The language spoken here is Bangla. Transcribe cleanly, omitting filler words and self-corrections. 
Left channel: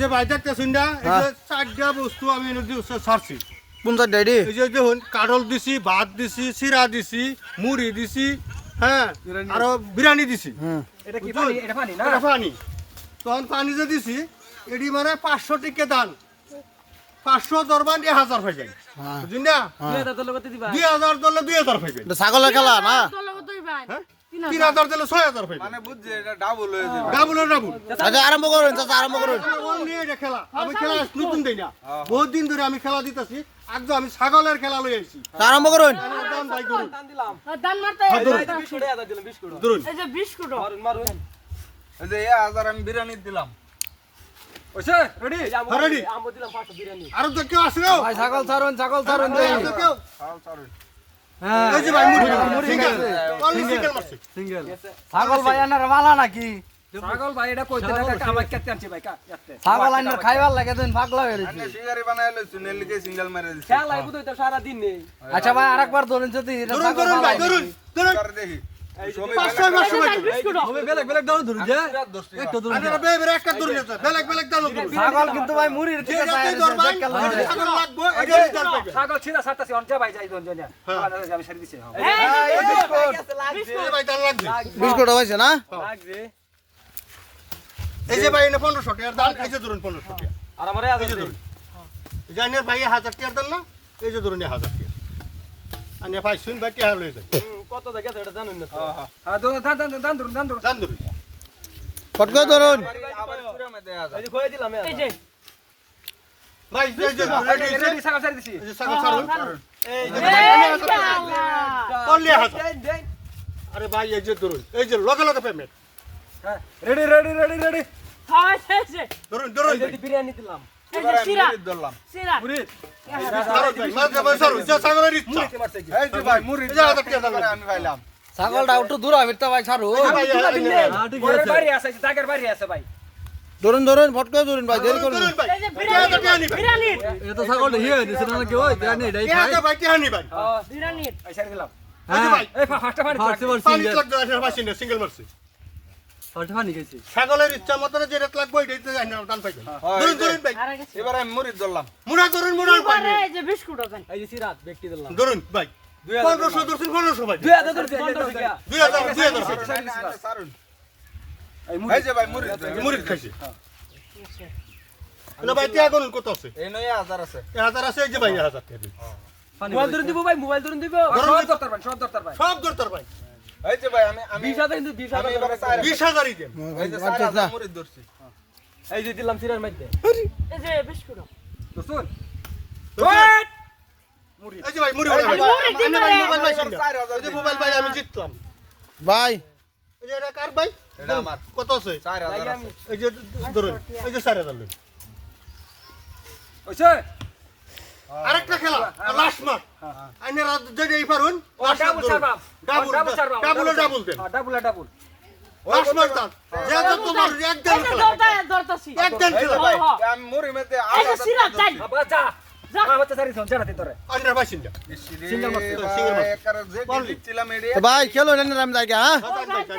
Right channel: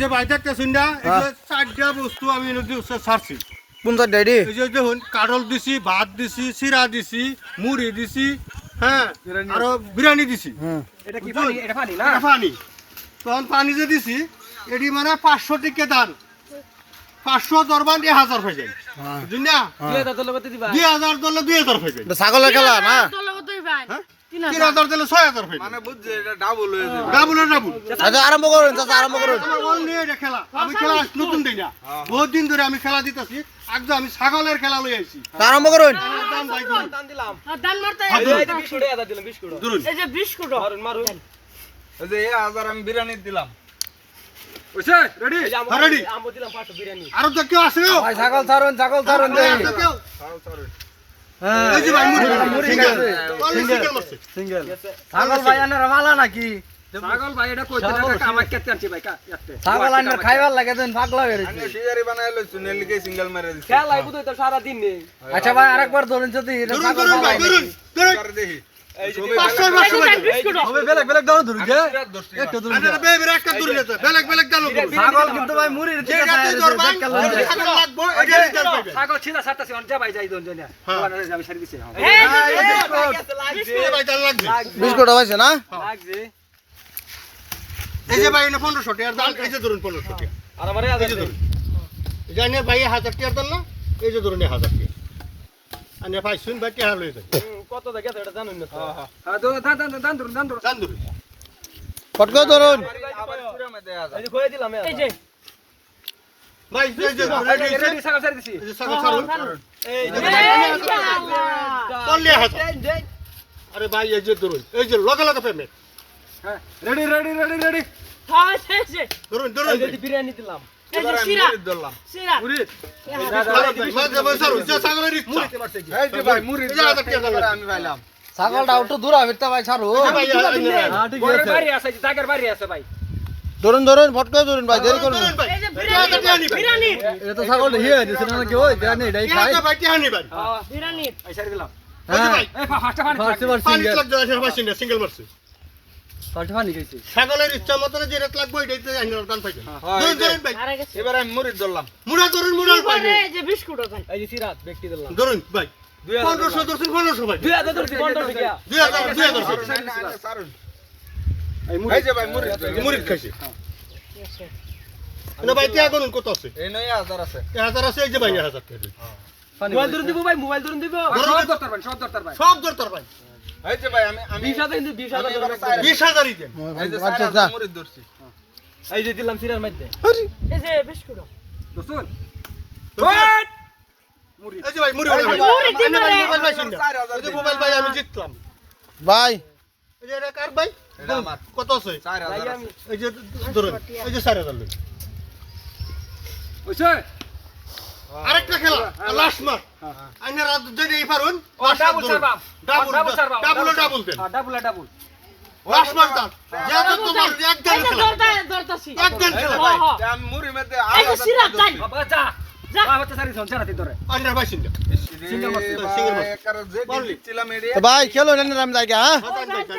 যে বাইরে একটা শুনডা এই যে চারটা বস্তু আমি নদী ছাড়ছি। কোন চার ডাইডি? এই যে দেখুন কাঠল দিছি, ভাত দিছি, চিরা দিছি, মুড়ি দিছি, হ্যাঁ আর বিরিয়ানি দিছি। এটা কি পানি? এটা পানি না? এটা পানি। তখন পানি যে দিছি এটি মানে 500 টিকে দান। 500 দরবান 1000 হয়ে যায়। বুঝুন না? 2000 দলে কত দিবা? 2000 দলে 2000 হয়ে যায়। এটা ছাগলের খেলা না? 3000 দলে 6000 হয়ে যায়। মানে বুঝছে এটা ডাবল হয়ে যাবে। ডাবলের ডাবল। আচ্ছা আরম্ভ করুন, চাচা আরম্ভ করুন। এটা খেলা। আমি খেলা নতুন দেই না। বহুত দিন ধরে আমি খেলা দিতেছি। একদম আমি ছাগলের খেলা লই আইছি। আরম্ভ করুন। দাম ভাই করুন। দান দিলাম। দান মারতে এই যে 20 কোটি আদা দিলাম 20 কোটি। ধরুন। এই যে বিস্কুট মারুন মারুন। ওই যে 1000 আমি বিরিয়ানি দিলাম। ওইছে রেডি? এই যে আমো রেডি? আমো দিলাম 500 বিরিয়ানি। আর কেউ আছে না? ভাই ছাগল ছাড়ুন, ছাগল ছাড়ুন দেই। কেউ? খাও সরো। হ্যাঁ। এই যে ভাই মুড়ি সিঙ্গেল। সিঙ্গেল মারছে। সিঙ্গেল। ছাগল ভাই আনার মালা নাকি? ছাগল ভাই এটা কই টাকা কামাই কেটে আনছি ভাই কাটতে। ছাগল আনার খাইবার লাগে দেন পাগলা হয়ে গেছে। আমি সিগারি বানাইলো সুনে লিখে সিঙ্গেল মারে দিছি। খেলাই বুঝই তো সারা দিন নেই। আচ্ছা ভাই আরেকবার ধরুন যদি ধরুন ধরুন ভাই ধরুন। ধরুন। করে দেখি। এই যে 500 ভাই। বিস্কুট বেলেগ বেলেগ দাও ধরুন যে। একটু আরে বেবে একটা ধরুন না বেলেগ বেলেগ দাও না। ছাগল কিন্তু ভাই মুড়ির খেয়ে যেটাতে ধরবান ছাগল লাগবো এটা রিটার্ন পাইবে। ছাগল ছিলা ছাড়তাছি অন যা ভাই যাই দন জানিয়া। আমি সারি দিছি। এই এই ভাই দাম লাগবে। বিস্কুট হইছে না? লাগছে। এই যে ভাই এনে 1500 টাকা দাম এই যে ধরুন 1500 টাকা। আর আমারে এই আদা যে ধরুন। জানেন ভাই 1000 টাকা দেন না? এই যে ধরুন 1000 টাকা। আনে ভাই শুন ভাই টাকা লই যান। কত জায়গা তো এটা জানেন না তো। আর দান ধরুন দান ধরুন। দান ধরুন। ফট করে ধরুন। আবার পুরো মে দেয়া এই যে কই দিলাম এই যে ভাই এই যে রেডি ছাগল ছাড়ি দিছি। এই যে ছাগল ছাড়ুন। এই যে করলে 1000 আরে ভাই এই যে ধরুন। এই যে লগে লগে payment. Ready ready ready ready. হ্যাঁ এই যে ধরুন ধরুন। এই যে বিরিয়ানি দিলাম। এই যে সিরা ধরলাম। সিরা মুড়ি। ভাই ছাড়ুন যে ছাগলের ইচ্ছা। এই যে ভাই মুড়ি এই যে 1000 টাকা দাম আমি পাইলাম। ছাগলটা একটু দূর হইতে ভাই ছাড়ুন। ভাই ঠিক ওর আছে। বাড়ি আছে দাগের বাড়ি আছে ভাই। ধরুন ধরুন ফট করে ধরুন ভাই দেরি করুন। এই যে বিরিয়ানি বিরিয়ানি এটা তো ছাগল হিয়ে দিছে না কি ওই জানি এটাই খায়। ভাই টাকা ভাই। বিরিয়ানি এই ছাড়ি দিলাম। হ্যাঁ এই ফার্স্ট পানি। পানি লাগবে না ভাই সিঙ্গেল মারছে। ফার্স্ট পানি খাইছি। ছাগলের ইচ্ছা মতো যে রেট লাগবে ওইটাই আইনার দান পাইবেন। ধরুন ধরুন ভাই। আরে গেছে এবার আমি মুড়ি ধরলাম। মুড়া ধরুন মুড়া পরে এই যে বিস্কুট ওখানে এই যে সিরাত ব্যক্তি দিলাম। ধরুন ভাই 1500 ধরুন 1500 ভাই 2000 ধরছি 15 টাকা। 2000 সারুন। এই এই যে ভাই মুড়ি মুড়ি খাইছে না ভাই টাকা করুন কত আছে এই নয় 1000 আছে। 1000 আছে এই যে ভাই 1000 টাকা দিন মোবাইল ধরুন দিব ভাই মোবাইল ধরুন দিব। সব দরকার ভাই সব দরকার ভাই। সব দরকার ভাই এই যে ভাই আমি 20000 কিন্তু 20000 আমি এবার 20000ই দেন এই যে আচ্ছা আচ্ছা। মুড়ি ধরছি। এই যে দিলাম সিরার মধ্যে। এই যে বিস্কুট দোস্ত এই যে ভাই মুড়ি মুড়ি দিন রে। মোবাইল ভাই শুনুন এই যে মোবাইল ভাই আমি জিতলাম ভাই এই যে এটা কার ভাই এটা আমার। কত আছে 4000 আছে। এই যে ধরুন এই যে 4000 লই ওইছে আরেকটা খেলা লাস্ট মাস আইনারা যেই পারুন ডাবল সারবা। ডাবল ডাবল সারবা। Double double then double double. Last মাস দান যেটা তোমার একদম এই যে খেলা দরতাছি একদম খেলা হ্যাঁ হ্যাঁ আমি মুড়ি মধ্যে এই যে সিরা যাই বাবা যা। যা। মা বাচ্চা সারি সঞ্চয় রাতে তোরে। আইনার ভাই শুনুন সিঙ্গেল মারছি। সিঙ্গেল মারছি। একার যে ছিলাম এডি ভাই খেলো না আমি যাই হ্যাঁ। ও যাইতে